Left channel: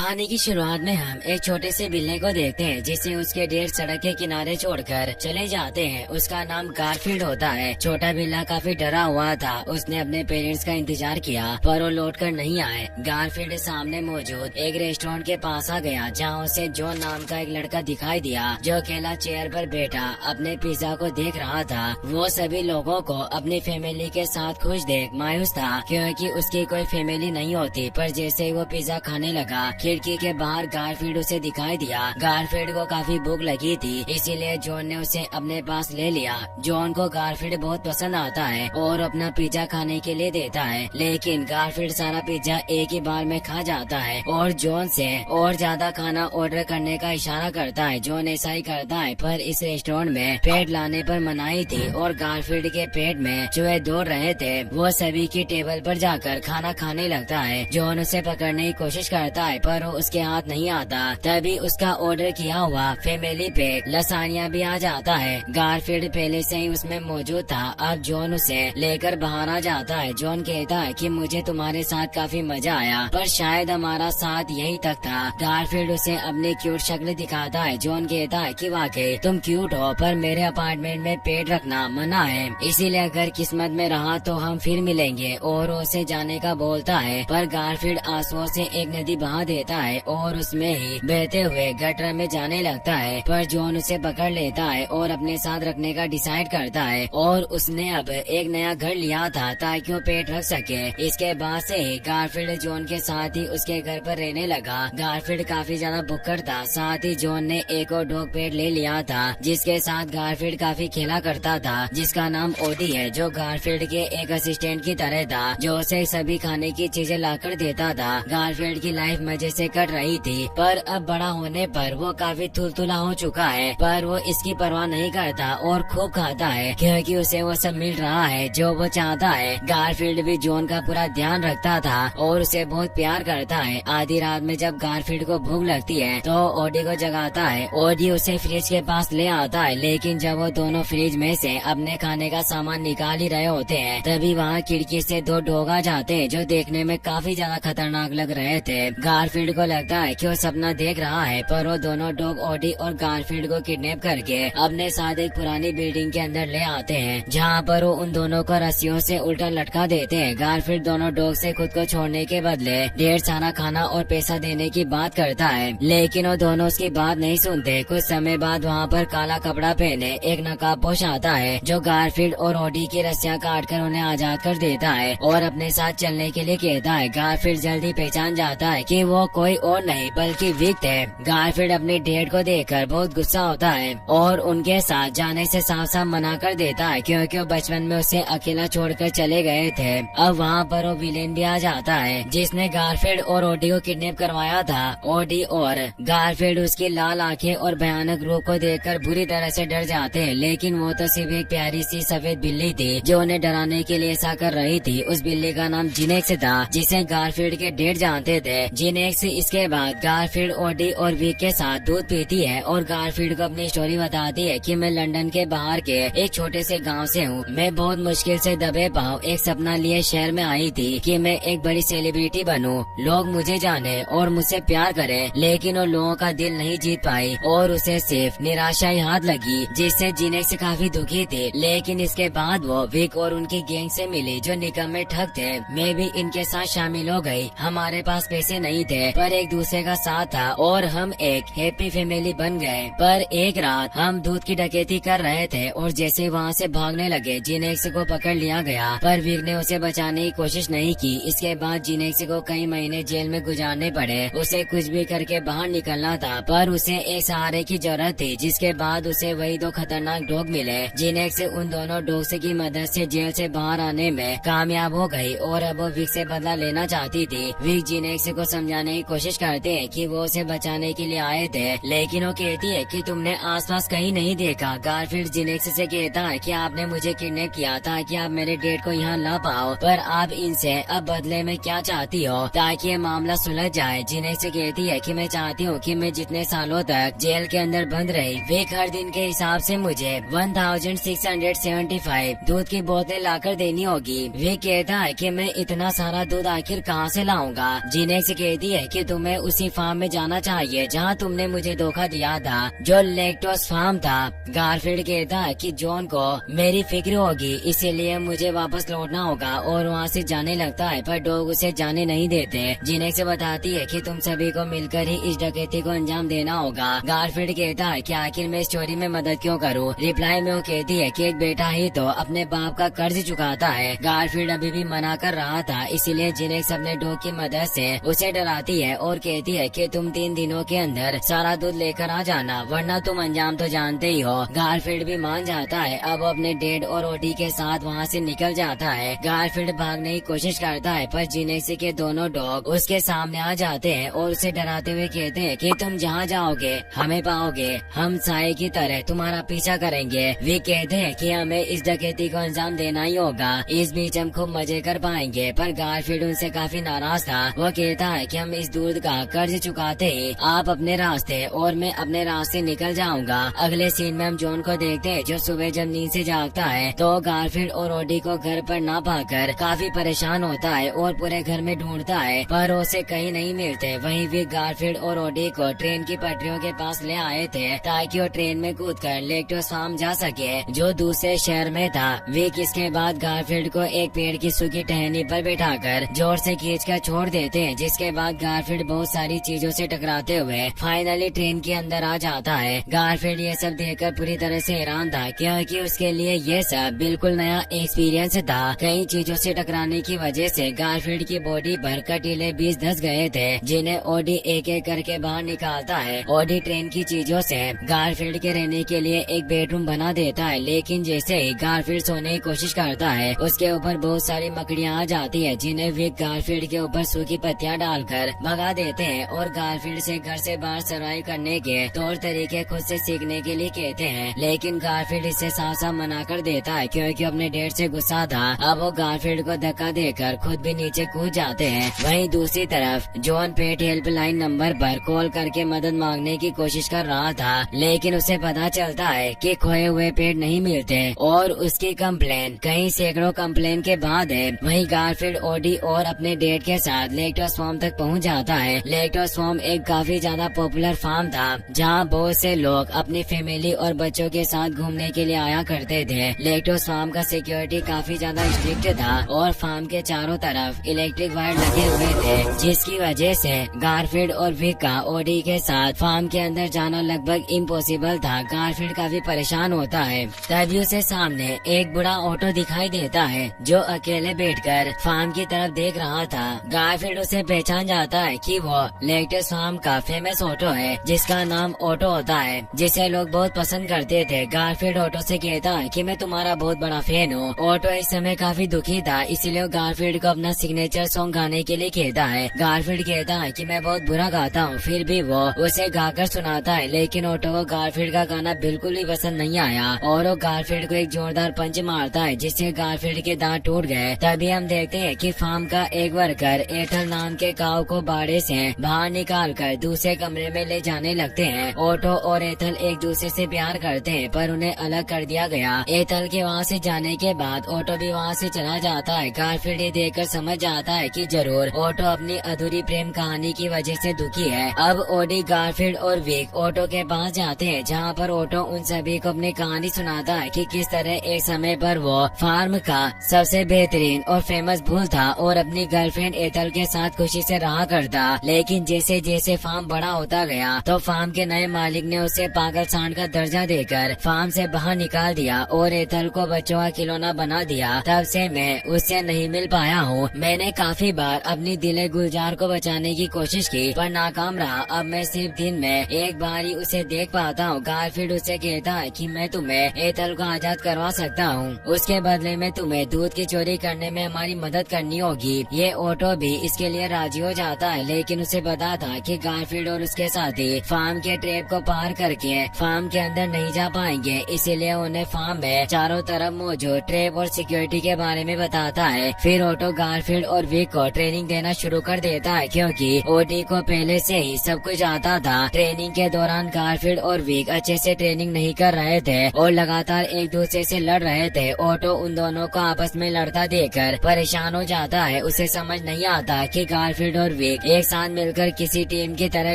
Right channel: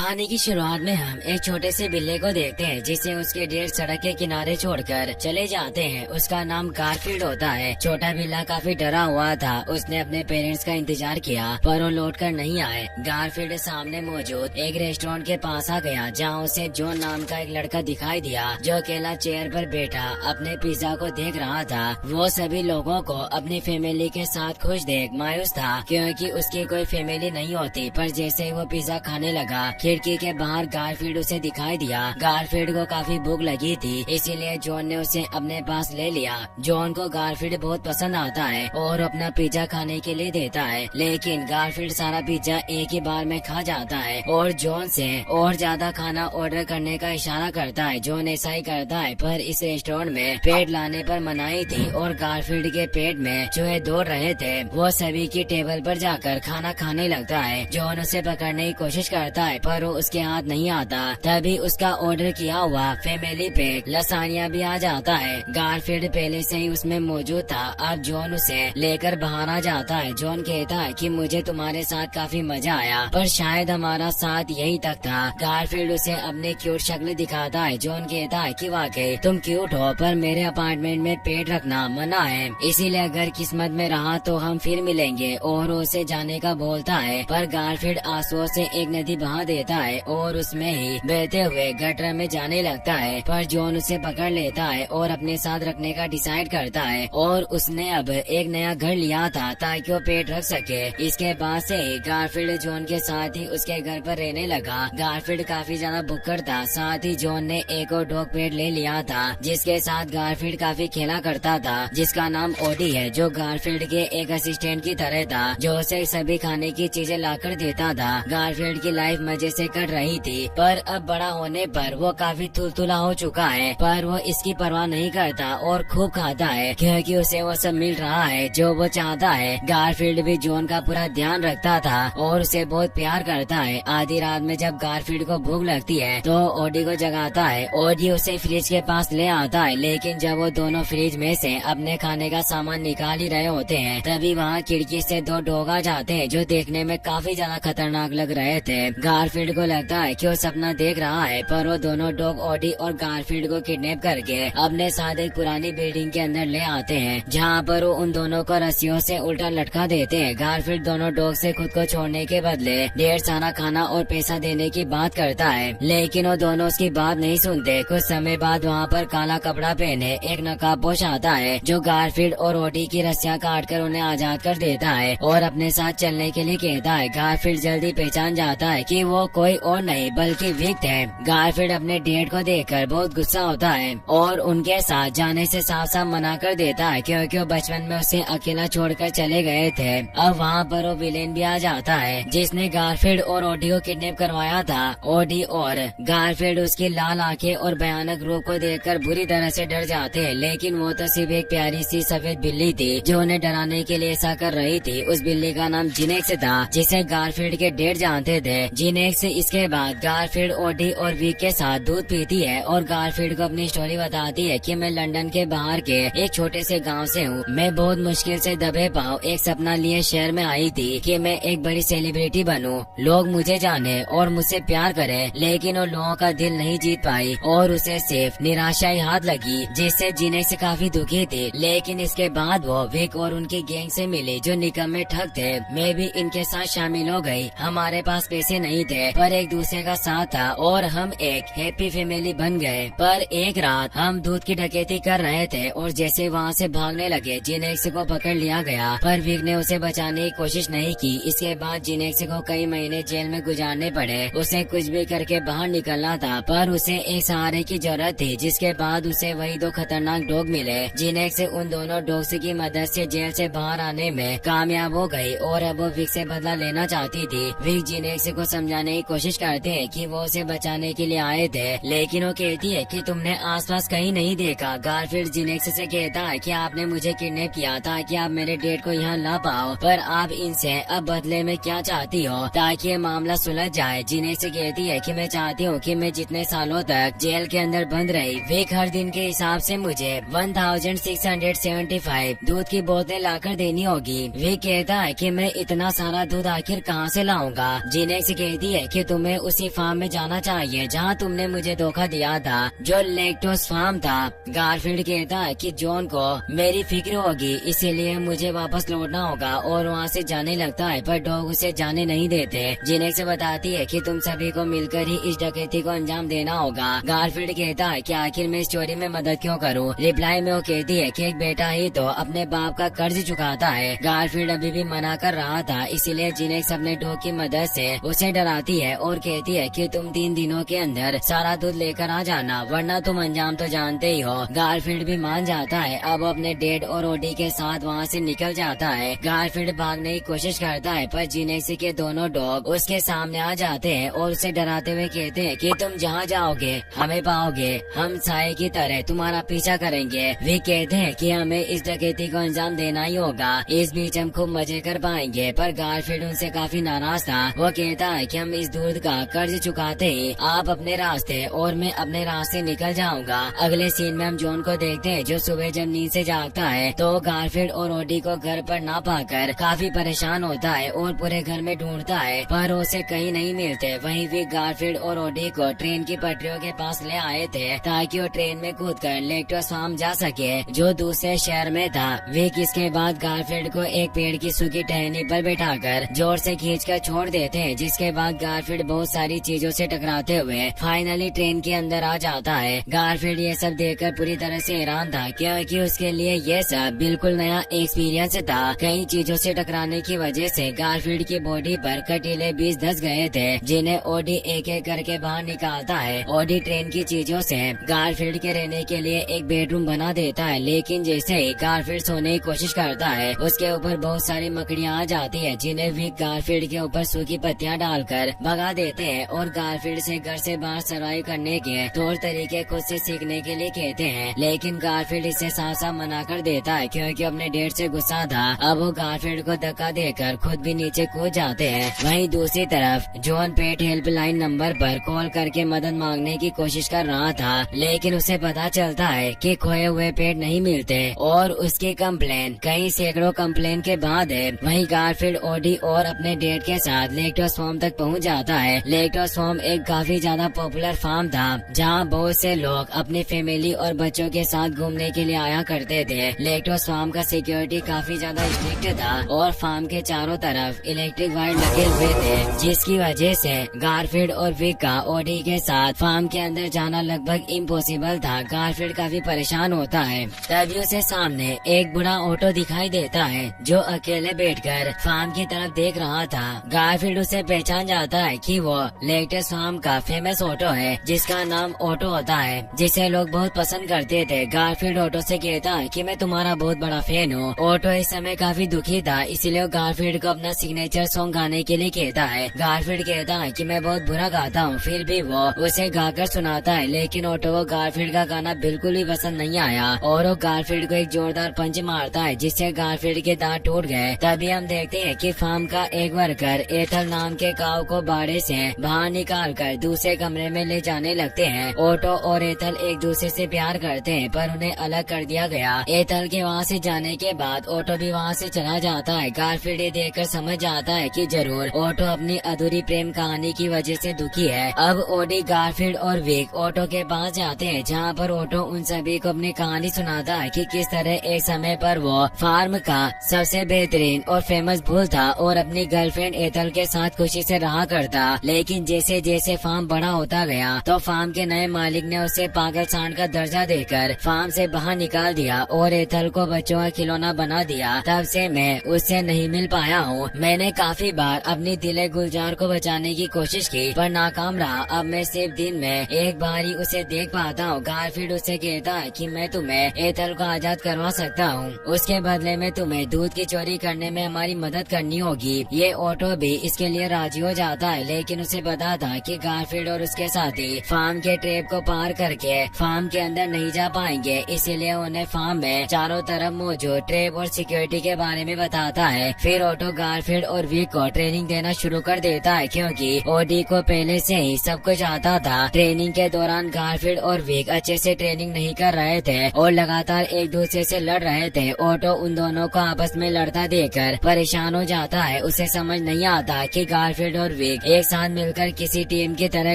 कहानी की शुरुआत में हम एक छोटे से बिल्ली को देखते हैं जिसे उसके डेढ़ सड़क के किनारे छोड़कर चले जाते हैं। उसका नाम गारफील्ड होता है। छोटा बिल्ला काफी डरा हुआ था। उसने अपने पेरेंट्स का इंतजार किया पर वो लौट कर नहीं आए। गारफील्ड सामने मौजूद एक रेस्टोरेंट के पास आ गया जहाँ उसे जॉन नाम का एक लड़का दिखाई दिया जो अकेला चेयर पर बैठा अपने पिज्जा को देख रहा था। वो सभी लोगों को अपनी फैमिली के साथ खुश देख मायूस था क्योंकि उसकी कोई फैमिली नहीं होती। पर जैसे ही वो पिज्जा खाने लगा खिड़की के बाहर गारफील्ड उसे दिखाई दिया। गारफील्ड को काफी भूख लगी थी इसीलिए जॉन ने उसे अपने पास ले लिया। जॉन को गारफील्ड बहुत पसंद आता है और अपना पिज्जा खाने के लिए देता है, लेकिन गारफील्ड सारा पिज्जा एक ही बार में खा जाता है और जॉन से और ज्यादा खाना ऑर्डर करने का इशारा करता है। जॉन ऐसा ही करता है पर इस रेस्टोरेंट में पेट लाने पर मनाही थी और गारफील्ड के पेट में चूहे दौड़ रहे थे। वो सभी की टेबल पर जाकर खाना खाने लगता है। जॉन उसे पकड़ने की कोशिश करता है पर वो उसके हाथ नहीं आता। तभी उसका ऑर्डर किया हुआ फैमिली पैक लसानिया भी आ जाता है। गारफील्ड पहले से ही उसमें मौजूद था। अब जॉन उसे लेकर बाहर आ जाता है। जॉन कहता है कि मुझे तुम्हारे साथ काफी मजा आया पर शायद हमारा साथ यही तक था। गारफील्ड उसे अपनी क्यूट शक्ल दिखाता है। जॉन कहता है कि वाकई तुम क्यूट हो पर मेरे अपार्टमेंट में पेट रखना मना है, इसीलिए अगर किस्मत में रहा तो हम फिर मिलेंगे। और उसे जाने का बोलता है पर गारफील्ड आंसुओं से एक नदी बहा देता है और उसमें ही बहते हुए गटर में जाने लगता है। पर जॉन उसे पकड़ लेता है और अपने साथ रखने का डिसाइड करता है और उसने अब एक नया घर लिया था ताकि वो पेट रख सके। इसके बाद से ही गारफील्ड जॉन के साथ ही उसके घर पर रहने लगा। गारफील्ड काफी ज्यादा भुक्कड़ था। साथ ही जॉन ने एक और डॉग पेट ले लिया था जिसके साथ गारफील्ड काफी खेला करता था, जिसका नाम ओडी है, जो गारफील्ड के एक असिस्टेंट की तरह था जो उसे सभी खाने की चीजें लाकर देता था। गारफील्ड की लाइफ मजे से कट रही थी पर अब बड़ा होने पर वो काफी तुलतुला हो चुका है, पर वो इसकी परवाह नहीं करता और खूब खाता है क्योंकि उसे वो सब मिल रहा है जो वो चाहता है। गारफील्ड भी जॉन का पूरा ध्यान रखता था और उसे बहुत प्यार करता है। आधी रात में जब गारफील्ड को भूख लगती है तो ओडी को जगाता है। ओडी उसे फ्रिज के पास ले आता है, लेकिन जब वो दोनों फ्रिज में से अपने खाने का सामान निकाल ही रहे होते हैं तभी वहाँ खिड़की से दो डॉग आ जाते हैं जो देखने में काफी ज्यादा खतरनाक लग रहे थे। गारफील्ड को लगता है कि वो सपना देख रहा है पर वो दोनों डॉग ओडी और गारफील्ड को किडनैप करके अपने साथ एक पुरानी बिल्डिंग के अंदर ले आते हैं जहाँ पर वो उन दोनों को रस्सियों से उल्टा लटका देते हैं। गारफील्ड दोनों डॉग से खुद को छोड़ने के बदले ढेर सारा खाना और पैसा देने की बात करता है, लेकिन वो दोनों उसकी बात नहीं सुनते। कुछ समय बाद वहाँ पर काला कपड़ा पहने एक नकाबपोश आता है जो गारफील्ड और ओडी की रस्सियाँ काट कर उन्हें आजाद कर देता है और अपने साथ चलने के लिए कहता है। गारफील्ड जल्दी पहचान जाता है कि वो कोई और नहीं बल्कि विक्ट है। गारफील्ड अपने डेड को देखकर बहुत गुस्सा होता है और उनके साथ जाने से साफ साफ मना कर देता है क्योंकि वो बचपन में उसे अकेला छोड़कर चले गए थे। अब वहाँ पर वो विलेन भी आ जाता है जिसने गारफील्ड और ओडी को किडनैप करवाया था। ओडी और गारफील्ड उसकी लाल आंखें और भयानक रूप को देखकर बुरी तरह से डर जाते हैं, लेकिन वो तो सिर्फ एक प्यारी सी सफेद बिल्ली थी जो उन्हें डराने के लिए ऐसा कर रही थी। उस बिल्ली का नाम जिनेक्स था जिसे गारफील्ड के डेड जानते थे। जिनेक्स इसके बाद गारफील्ड ओडी और विक के साथ दूध पीती है और गारफील्ड को अपनी स्टोरी बताती है कि मैं लंदन के बाहर के एक छोटे से गांव से हूँ। मैं बहुत मुश्किल से दबे पाँव एक सपना लिए शहर में आई थी कि मैं एक बड़ी सेलिब्रिटी बनूं, लोग मुझे जाने और मुझसे प्यार करें, लेकिन उन लोगों का दिल नहीं जीत पाई और उसे सिर्फ निराशा ही हाथ लगी जिससे जिनेक्स काफी दुखी थे। लेकिन इसके बाद वो विक और उनकी गैंग से मिली जो निकम्मे ठग थे। मैं भी इनके साथ शामिल हो गई। हमारे पास पैसे नहीं थे पर एक दूसरे का साथ था और हम एक हैप्पी फैमिली बन गए। पर एक रात हम दूध की डकैती कर रहे थे और जैसे वहाँ से भागने लगे जिनेक्स को पकड़ लिया गया पर विक ने उसे बचाने की कोशिश नहीं की। इसके बाद जिनेक्स को कई महीने जेल में गुजारने पड़े। उसे कुछ भी करके बाहर निकलना था पर उसे एक सहारे की जरूरत थी। जिसके बाद उसे वही दो खतरनाक डॉग मिले। जिनेक्स उन दोनों डॉग्स की मदद से जेल से बाहर आने में कामयाब हो गई और अब वो विक से बदला लेना चाहती थी। विक जिनेक्स को समझाने की कोशिश करते हैं कि वो उसे बचाने के लिए आए थे, लेकिन वो कहती है कि तुमने आसपास कहीं नहीं देखा। गारफील्ड जिनेक्स से कहता है कि आपने मुझे किडनैप किया ताकि आप मेरे डेड को यहाँ ला पाओ, पर आप इनसे अब बदले में क्या चाहती हो ताकि ये मामला सुलझ जाए। जिनेक्स कहती है कि मैं चाहती हूँ कि मैं जितने सालों तक जेल के अंदर बंद रही विक हर दिन के हिसाब से मुझे 1675 दूध की बोतलें लाकर देनी होगी। विक कहता है कि मैं इतना सारा दूध आखिर कहाँ से लाऊंगा। जिनेक्स कहती है कि तुम्हें उसी फार्म में जाना चाहिए जहाँ तुमने मुझे धोखा दिया था, जो लेक्टोस फार्म था। गारफील्ड कहता है कि जॉन को मेरी फिक्र होगी, इसीलिए मुझे वापस लौटना होगा और वहाँ से जाने लगता है, पर डॉग उसे जाने नहीं देते। जिनेक्स से बताती है कि तुम सभी को मिलकर ही इस डकैती को अंजाम देना होगा। गारफील्ड कहता है कि आखिर मैं इस चोरी में मदद क्यों करूं? रिप्लाई में वो कहती है कि एक बेटा ही तो अपने बाप का कर्ज चुकाता है। गारफील्ड अभी भी मना कर रहा था, इसीलिए जिनेक्स अपने डॉग की मदद से उसे डराती है और कहती है कि तुम 3 दिनों के अंदर सारा दूध लेकर आ जाना, वरना तुम अंजाम तो जानते ही हो। गारफील्ड भी मान जाता है। अब अपने डेड और ओडी के साथ वहाँ से निकल जाता है। गारफील्ड भागने की कोशिश करता है, पर जिनेक्स के दोनों डॉग उसके सामने आ जाते हैं और उसे डराते हुए कहते हैं कि तुम जहाँ जाओगे हमें पाओगे, हम साए की तरह तुम्हारा पीछा करेंगे। वे कहते हैं कि हमें इस डकैती को अंजाम देना ही होगा, इस बीच हम खूब मजे कर पाएंगे। पर गारफील्ड उनसे काफी नाराज था। वो कहता है कि हम इस दूध का कर्ज चुकाते ही आप अपने रास्ते और मैं अपने रास्ते निकल जाऊंगा। अगले सीन में हम जॉन को देखते हैं, जो सुबह जब नींद से जागता है तो गारफील्ड और ओडी को घर पर ना पाकर काफी परेशान होता है और पूरे घर में ढूंढता है, पर उसे कहीं नहीं मिलते। वहीं भी गारफील्ड और ओडी को ट्रेन की पटरियों के पास ले आए थे ताकि वो ट्रेन में कूदकर लेक्टोस फार्म जा सके, जो दूसरे शहर में था। विक इसके बाद गारफील्ड को एक पेड़ की सूखी टहनी पर बैठाकर जोर से खींचकर छोड़ देते हैं, जिसके बाद गारफील्ड बहुत सारी चीजों से टकराते हुए फाइनली ट्रेन के अंदर आ जाता है। गारफील्ड ये सब देखकर पूरी तरह से हैरान था, क्योंकि उसके लिए ये सब बिल्कुल नया एक्सपीरियंस था। कई चीजों से टकराने की वजह से गारफील्ड की बॉडी पर कटीले बीज धस गए थे, जिन्हें ओडी एक एक करके बाहर निकालता है। ओडी ट्रेन की चीजों से गारफील्ड के रहने के लिए एक बेडरूम बना देता है, लेकिन जैसे ही गारफील्ड सोने की कोशिश करता है उसके ऊपर बहुत सारी मकड़ियाँ आ जाती है, जिन्हें विक गारफील्ड के ऊपर सूखी पत्तियाँ डालकर भगा देते हैं और गारफील्ड से घर से बाहर सर्वाइव करने के तौर तरीके खुद से सीखने के लिए कहते हैं। लेकिन गारफील्ड इससे साफ साफ मना कर देता है, क्योंकि अपने डेट से गुस्सा था। अब वो गारफील्ड को धक्का देकर खुद भी नीचे कूद जाते हैं। वहीं दूसरी तरफ जॉन पेट हेल्पलाइन नंबर पर कॉल करके मदद मांगने की कोशिश कर रहा था, लेकिन उसे पता चलता है कि खोए हुए पेट नहीं मिलते और उसकी कंप्लेन कई सैकड़ों कंप्लेन के बाद है। वहीं गारफील्ड ओडी और अपने डेट के साथ लेक्टोस फार्म तक पहुंच जाता है। लेक्टोस फार्म एक काफी ज्यादा पॉपुलर फार्म था, जहां बहुत से लोग अपनी फैमिली और बच्चों के साथ घूमने के लिए आया करते थे। लेक्टोस फार्म का सिक्योरिटी काफी ज्यादा स्ट्रिक्ट था और फार्म के चारों तरफ इलेक्ट्रिक वायर लगे हुए थे, जिसकी वजह से गारफील्ड और विक का ओडी के साथ फार्म के अंदर जाना लगभग इम्पॉसिबल था। गारफील्ड काफी परेशान होता है। तभी उसे सामने एक बड़ा ऑटो दिखाई देता है, जो अकेले बैठकर फार्म की तरफ देख रहा था। गारफील्ड उसे पहचान जाता है कि वो लेक्टोस फार्म का फेमस ऑटो है, जिसका नाम ऑटो होता है, जिसे लोग बहुत पसंद करते थे। गारफील्ड ऑटो से कहता है कि मैं तुम्हारा बहुत बड़ा फैन हूँ। ऑटो इस समय काफी दुखी था, इसलिए गारफील्ड को अपना सिग्नेचर सॉन्ग गाने के लिए कहता है। गारफील्ड कहता है कि मैं बहुत बुरा गाता हूँ, फिर भी वो उसे गाकर सुनाता है, लेकिन ऑटो को गारफील्ड का गाना बिल्कुल भी पसंद नहीं आया और वो गारफील्ड को एक जोरदार पंच मारता है, जिससे गारफील्ड के दांत टूट गए। तभी हम देखते हैं कि फार्म का एक वर्कर एथल नाम के काऊ को बाड़े से बाहर निकालकर दूसरे कमरे में ले जाने लगते हैं। ऑटो और एथल एक दूसरे से प्यार करते हैं, पर उन्हें अलग कर दिया गया। एथल के वहाँ से जाने के बाद ऑटो भी वहाँ से चला जाता है। गारफील्ड ये देखकर समझ जाता है कि जरूर ऑटो अपनी अधूरी प्रेम कहानी की वजह से दुखी है। अब ओडी, गारफील्ड और विक ऑटो के पास जाते हैं, जहाँ पर ऑटो उन सभी को अपनी कहानी सुनाता है कि किस तरह एक समय पर वो फार्म का सबसे बेहतरीन और फेमस बुल था और अपनी गर्लफ्रेंड एथल के साथ खुशी से रहा करता। लेकिन जैसे जैसे फार्म बड़ा होता गया तो फार्म के नए मालिक ने उसे पागल सांड का दर्जा देकर फार्म से बाहर निकाल दिया और एथल को बच्चों का खिलौना बना दिया। तब से मैं उससे नहीं मिल पाया हूँ। मैंने काफी बार अपनी दिले गुलजार को बचाने की कोशिश की, पर नाकाम रहा। अब मैं सिर्फ दिन में एक बार ही उसे देख पाता हूँ। गारफील्ड उसे कहता है कि मैं तुम्हें एथल को आजाद करवा सकता हूँ, उसके बदले में तुम्हें दूध की चोरी करने में हमारी मदद करनी होगी। ये ऑटो भी इसके लिए राजी हो जाता है, लेकिन उसे पता था कि गारफील्ड और उसके साथी फार्म के ट्रैप को पार करके फार्म के अंदर नहीं जा पाएंगे, इसीलिए उन्हें फार्म में चारों तरफ मौजूद ट्रैप और सिक्योरिटी के बारे में बताता है। फिर ऑटो गारफील्ड और विक को ट्रेनिंग देना शुरू कर देता है, क्योंकि ओडी को पहले से ही सब कुछ आता था। ट्रेनिंग के दौरान गारफील्ड और विक अच्छे से ट्रेनिंग नहीं कर रहे थे और लगातार एक दूसरे से लड़ रहे थे। ऑटो उन दोनों को आपस में लड़ता देखकर परेशान हो जाता है। उसे समझ नहीं आता कि गारफील्ड और विक विक एक साथ मिलकर किसी टीम की तरह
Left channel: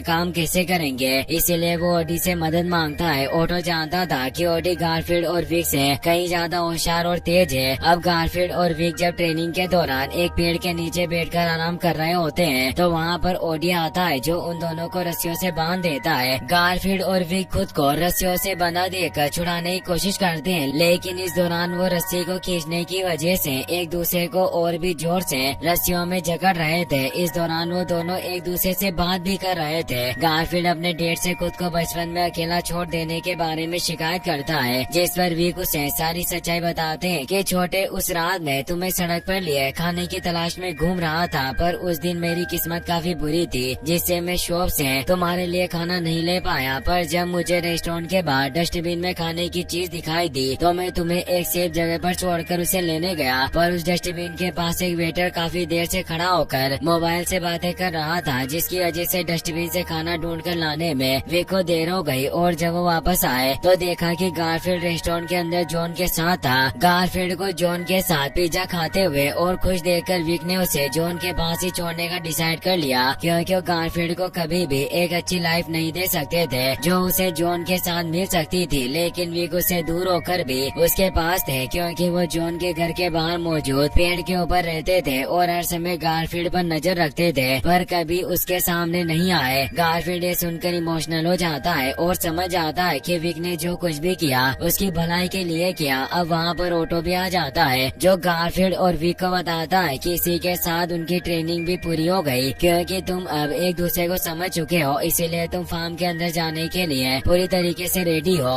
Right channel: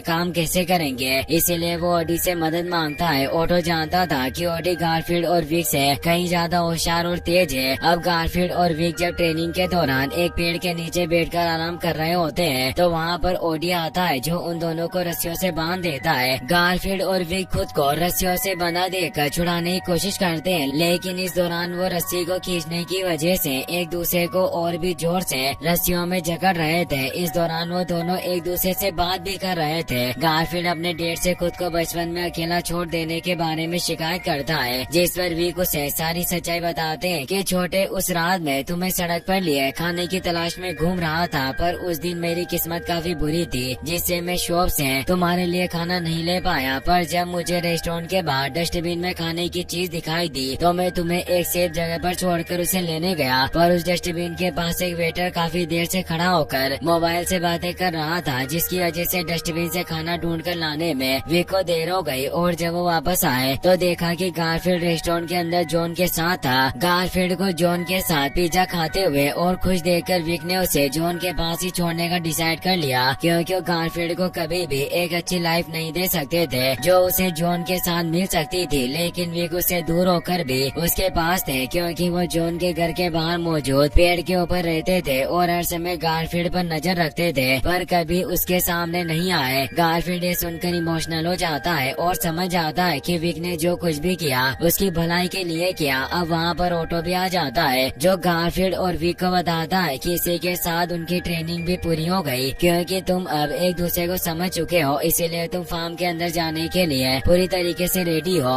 काम कैसे करेंगे, इसीलिए वो ओडी से मदद मांगता है। ओटो जानता था कि ओडी गारफील्ड और विक से कहीं ज्यादा होशियार और तेज है। अब गारफील्ड और विक जब ट्रेनिंग के दौरान एक पेड़ के नीचे बैठकर आराम कर रहे होते हैं तो वहाँ पर ओडी आता है जो उन दोनों को रस्सियों से बांध देता है। गारफील्ड और विक खुद को रस्सियों से बंधा देखकर छुड़ाने की कोशिश करते हैं, लेकिन इस दौरान वो रस्सी को खींचने की वजह से एक दूसरे को और भी जोर से रस्सियों में जकड़ रहे थे। इस दौरान वो दोनों एक दूसरे से बात भी कर रहे थे। गारफील्ड अपने डेट से खुद को बचपन में अकेला छोड़ देने के बारे में शिकायत करता है, जिस पर विक उसे सारी सच्चाई बताते हैं कि छोटे उस रात में तुम्हें सड़क पर लिए खाने की तलाश में घूम रहा था, पर उस दिन मेरी किस्मत काफी बुरी थी जिससे मैं शॉप से तुम्हारे लिए खाना नहीं ले पाया। पर जब मुझे रेस्टोरेंट के बाहर डस्टबिन में खाने की चीज दिखाई दी तो मैं तुम्हें एक सेफ जगह पर छोड़कर उसे लेने गया, पर उस डस्टबिन के पास एक वेटर काफी देर से खड़ा होकर मोबाइल से बातें कर रहा था, जिसकी वजह से डस्टबिन से खाना ढूंढ कर लाने में विक को देर हो गई। और जब वो वापस आए तो देखा कि गारफील्ड रेस्टोरेंट के अंदर जॉन के साथ था। गारफील्ड को जॉन के साथ पिज्जा खाते हुए और खुश देखकर विक ने उसे जॉन के पास ही छोड़ने का डिसाइड कर लिया, क्योंकि वो गारफील्ड को कभी भी एक अच्छी लाइफ नहीं दे सकते थे जो उसे जॉन के साथ मिल सकती थी। लेकिन विक उससे दूर होकर भी उसके पास थे, क्योंकि वो जॉन के घर के बाहर मौजूद पेड़ के ऊपर रहते थे और हर समय गारफील्ड पर नजर रखते थे, पर कभी उसके सामने नहीं आए। गारफील्ड ये सुनकर इमोशनल हो जाता है और समझ आता है कि विक ने जो कुछ भी किया उसकी भलाई के लिए किया। अब वहाँ पर ऑटो भी आ जाता है जो गारफील्ड और विक को बताता है कि इसी के साथ उनकी ट्रेनिंग भी पूरी हो गई, क्योंकि तुम अब एक दूसरे को समझ चुके हो, इसीलिए तुम फार्म के अंदर जाने के लिए पूरी तरीके से रेडी हो।